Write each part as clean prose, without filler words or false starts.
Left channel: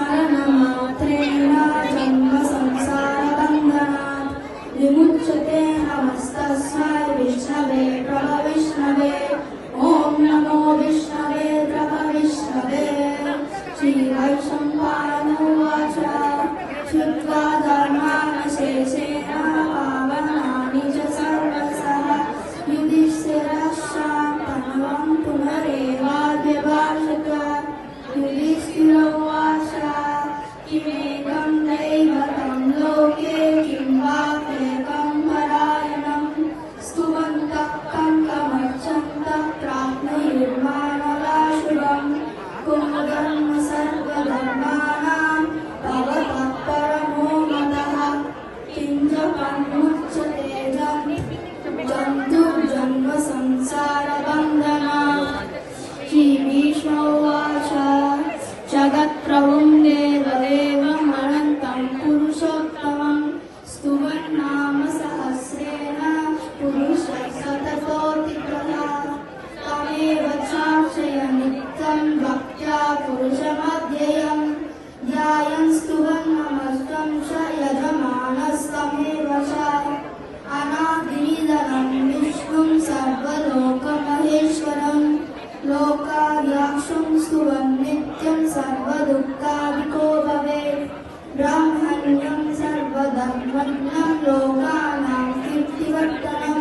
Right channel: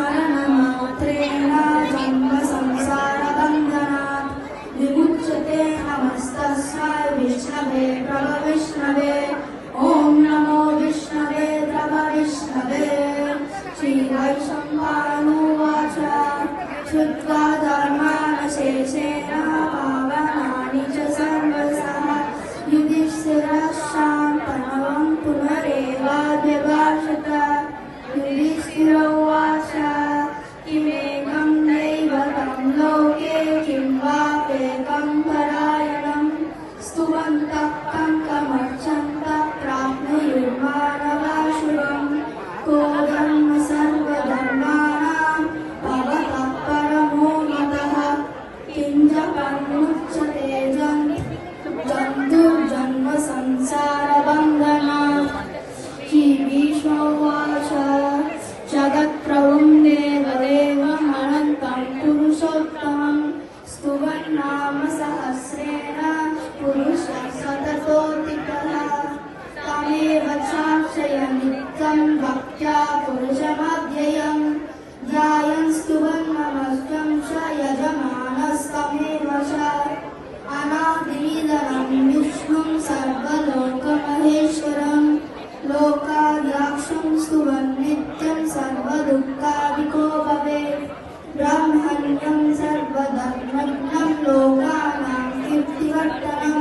स्मरणमात्रेण जन्मसंसारबन्धनात् विमुच्यते। नमस्तस्मै विष्णवे प्रभविष्णवे। ॐ नमो विष्णवे प्रभविष्णवे। श्रीवैशम्पायनोवाच श्रुत्वा धर्मानशेषेण पावनानि च सर्वशः युधिष्ठिरः पुनरेवाद्यभाषत। युधिष्ठिर उवाच किमेकं दैवतं लोके किं वाप्येकं परायणं स्तुवन्तः कङ्कमर्चन्तः प्राप्नुयुर्मानवा शुभं। को धर्म सर्वधर्माणां भवतः परमो मतः किं च परिमुच्यते जन्तुर्जन्म संसारबन्धनात्। श्रीभीष्म उवाच जगत्प्रभुं देवदेवमनन्तं पुरुषोत्तमं स्तुवन्नाम सहस्रेण पुरुषः सततोऽधिकः। तमेव चार्चय नित्यं भक्त्या पुरुषमव्ययम् ध्यायन् स्तुवन्नमस्तं च यजमानस्तमेव च। अनादिनिधनं विष्णुं सर्वलोकमहेश्वरं लोकाध्यक्षं स्तुवन् नित्यं सर्वदुःखादिको भवेत्। ब्रह्मण्यं सर्वधर्मज्ञं लोकानां कीर्तिवर्धनं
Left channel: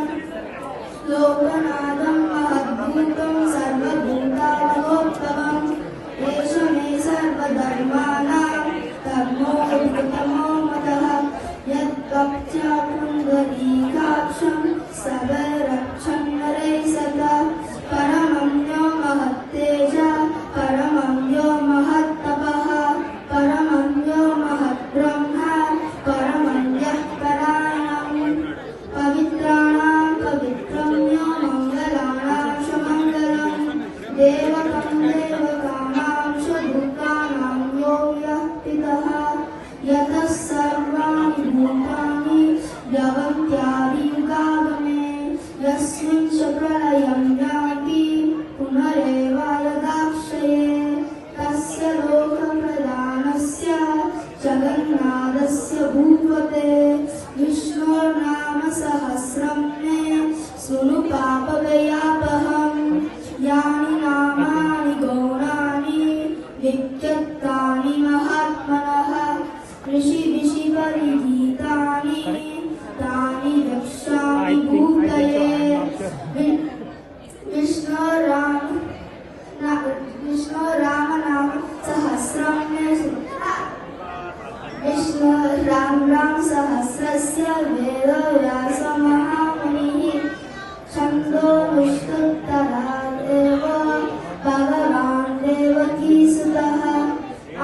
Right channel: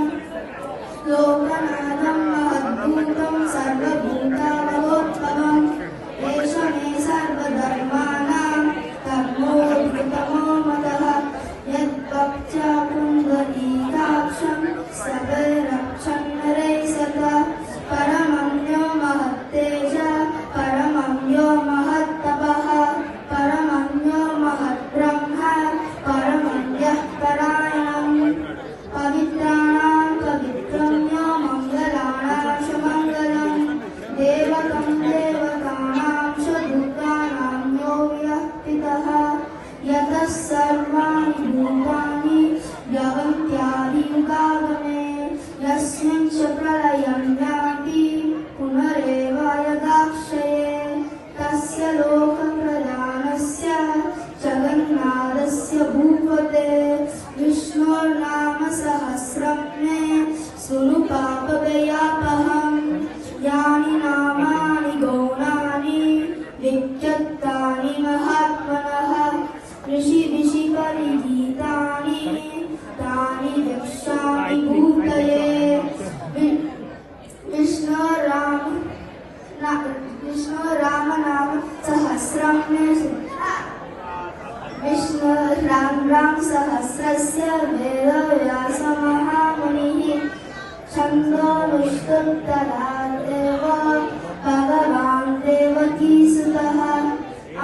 लोकनाथं महद्रूपं सर्वभूतावगोत्तमम्। एष मे सर्वधर्माणां कर्मोत्तमो मतः यद्भक्त्या पुण्डरीकाक्षं सदरक्षन् नरैः सदा। परमं यो महत्तेजः परमं यो महत्तपः परमं यो महद्ब्रह्म परमं यः परायणम्। पवित्राणां पवित्रं यो मङ्गलानां च मङ्गलम् देवतं देवतानां च भूतानां यो यः पितः। यतः सर्वाणि भूतानि द्रवन्त्यादियुगागमे यस्मिन् च प्रलयं यान्ति पुनरेव यदाक्षये। तस्य लोकप्रधानस्य जगन्नाथस्य भूपते विष्णोर्नाम सहस्रं मे शृणु पापभयापहम्। यानि नामानि गौणानि विख्यातानि महात्मनः ऋषिभिः परिगीतानि तानि वक्ष्यामि भूतये। विष्णुरामनाम सहस्रं विष्णुराम सहस्रस्य वेदव्यासो महामुनिः छन्दो विष्णुत्तरादेव भगवान् देवकीसुतः।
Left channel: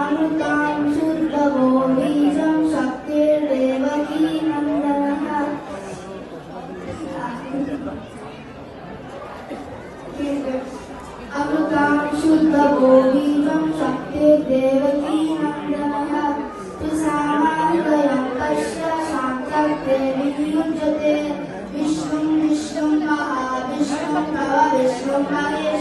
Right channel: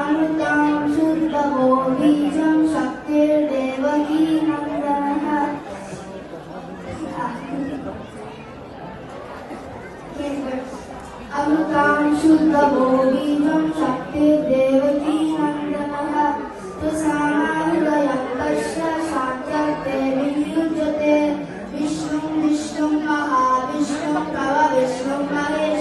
अमृतां शुद्धवो बीजं शक्तिर्देवकी नन्दनः। अमृतां शुद्धवो बीजं शक्तिर्देवकी नन्दनः। तुसामाहृदयं तस्य शान्त्यर्थे विनियुज्यते। विष्णुं विष्णुं महाविष्णुं प्रभविष्णुं महेश्वरम्